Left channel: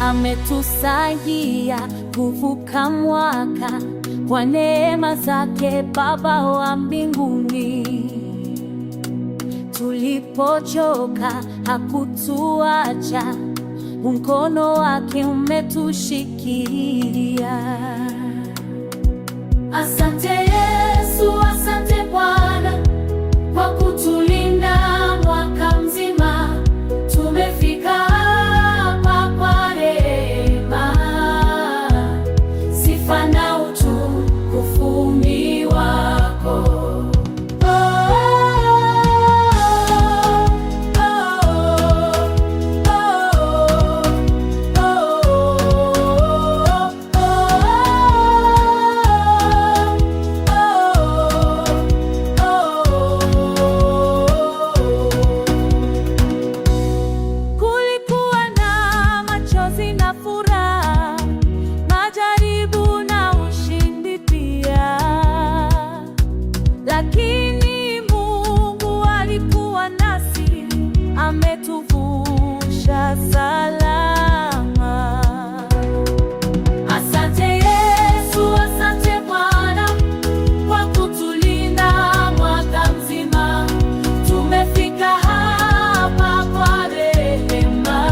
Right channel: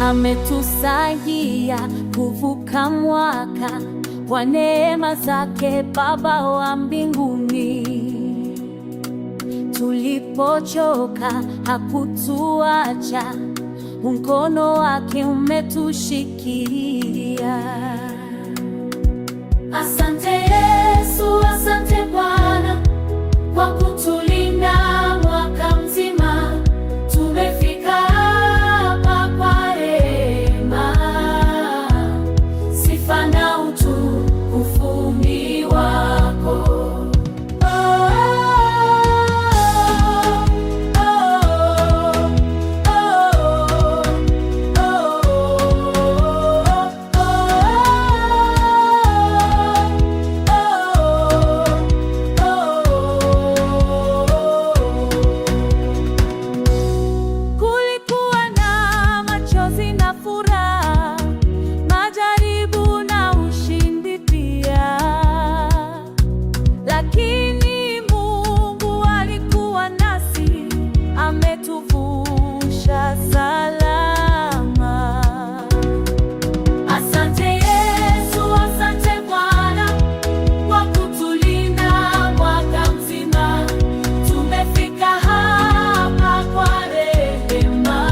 ametusaidia kuvuka mwaka kwa neema zake Baba wa mbinguni. Tulipochoka hakutuacha, mkono wake umetushikilia. Asante Yesu, asante Bwana kwa kutulinda mwaka mzima. Tumefika hapa kwa rehema, sifa na utukufu ni wako. Na furaha, majaribu na ushindi pia, lakini Mungu alikuwa nasi, ametuvusha salama. Asante Yesu, asante Bwana kwa kutulinda mwaka mzima. Tumefika hapa kwa rehema,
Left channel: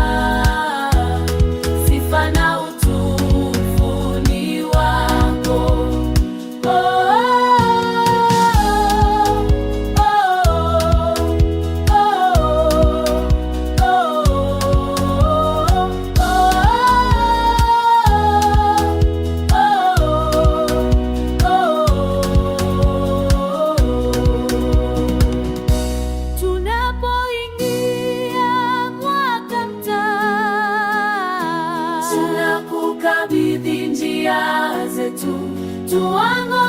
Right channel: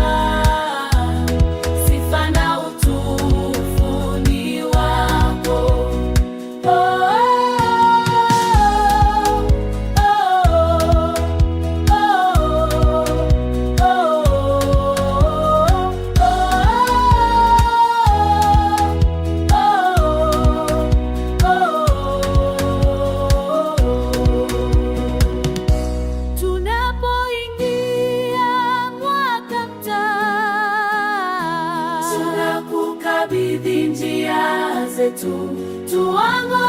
tunakukabidhi njia zetu, tuongoze